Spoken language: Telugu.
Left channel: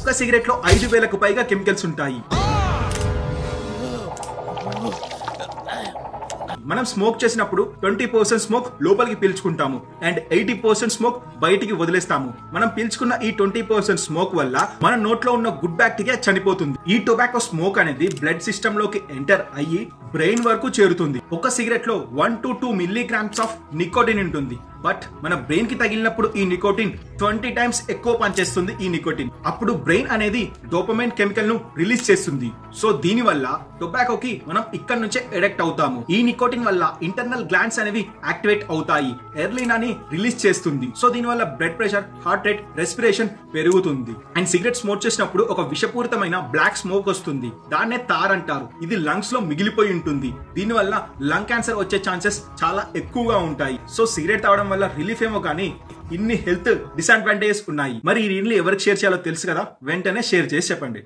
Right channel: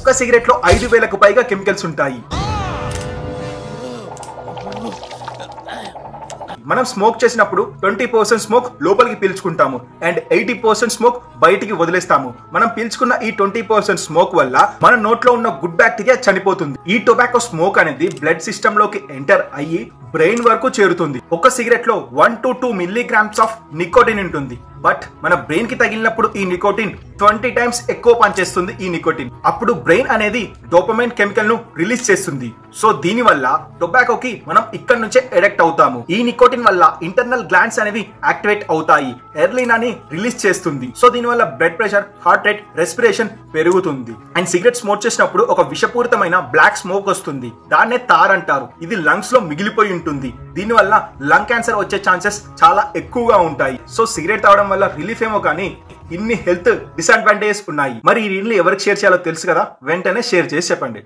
ఒక్క సిగరెట్ లో 5,000కు పైగా కెమికల్స్ ఉంటాయి. మనం స్మోక్ చేసినప్పుడు 20% స్మోక్ లోపలికి పీల్చుకుంటాము అండ్ 80% స్మోక్ బయటికి వదిలేస్తాము. మనం పీల్చుకున్న ఈ 20% స్మోక్ వల్ల మన నోట్లో ఉన్న గుడ్ బ్యాక్టీరియా చనిపోతుంది. ఈ టొబాకో స్మోక్ అనేది బ్లడ్ సిస్టమ్ లోకి ఎంటర్ అయ్యి బ్రెయిన్ వరకు చేరుతుంది. ఒక సిగరెట్ లో 1 to 2 మిల్లీగ్రామ్స్ ఆఫ్ నికోటిన్ ఉంటుంది. బట్ మన బ్రెయిన్ కి తగిలినప్పుడు ఈ నికోటిన్ 20 times ఎక్కువ పనిచేస్తుంది. ఈ నికోటిన్ అప్పుడు బ్రెయిన్ అనేది డోపమైన్ కెమికల్ ను రిలీజ్ చేస్తుంది. సో దీని వల్ల టొబాకోకి మనం ఇక్కడ నుంచే అడిక్ట్ అవుతాము. ఈ నికోటిన్ వల్ల ఇంటర్నల్ గ్లాండ్స్ అనేవి యాక్టివేట్ అవుతాయి. ఎర్లిన్ అని రిలీజ్ చేస్తుంది. సో దీని వల్ల blood pressure, heart rate, respiration పెరుగుతుంది. అండ్ సిగరెట్ స్మోక్ చేసినప్పుడు ఒక విషపూరితమైన బ్లాక్ స్మోక్ వస్తుంది. దాన్నే తార్ అంటారు. ఇది లంగ్స్ లో మిగిలిపోయి ఉంటుంది. దీని వల్ల లంగ్ క్యాన్సర్ వచ్చే ఛాన్సెస్ చాలా ఎక్కువగా ఉంటాయి. సో సిగరెట్ తాగడం వల్ల రిలీఫ్ ఏమో కానీ ఇన్ని హెల్త్ డిసడ్వాంటేజెస్ ఉన్నాయి. మరి ఈ రీల్ని ఎవరికి షేర్ చేయాలో తెలుసు కదా, వెంటనే షేర్ చేసి చెప్పండి.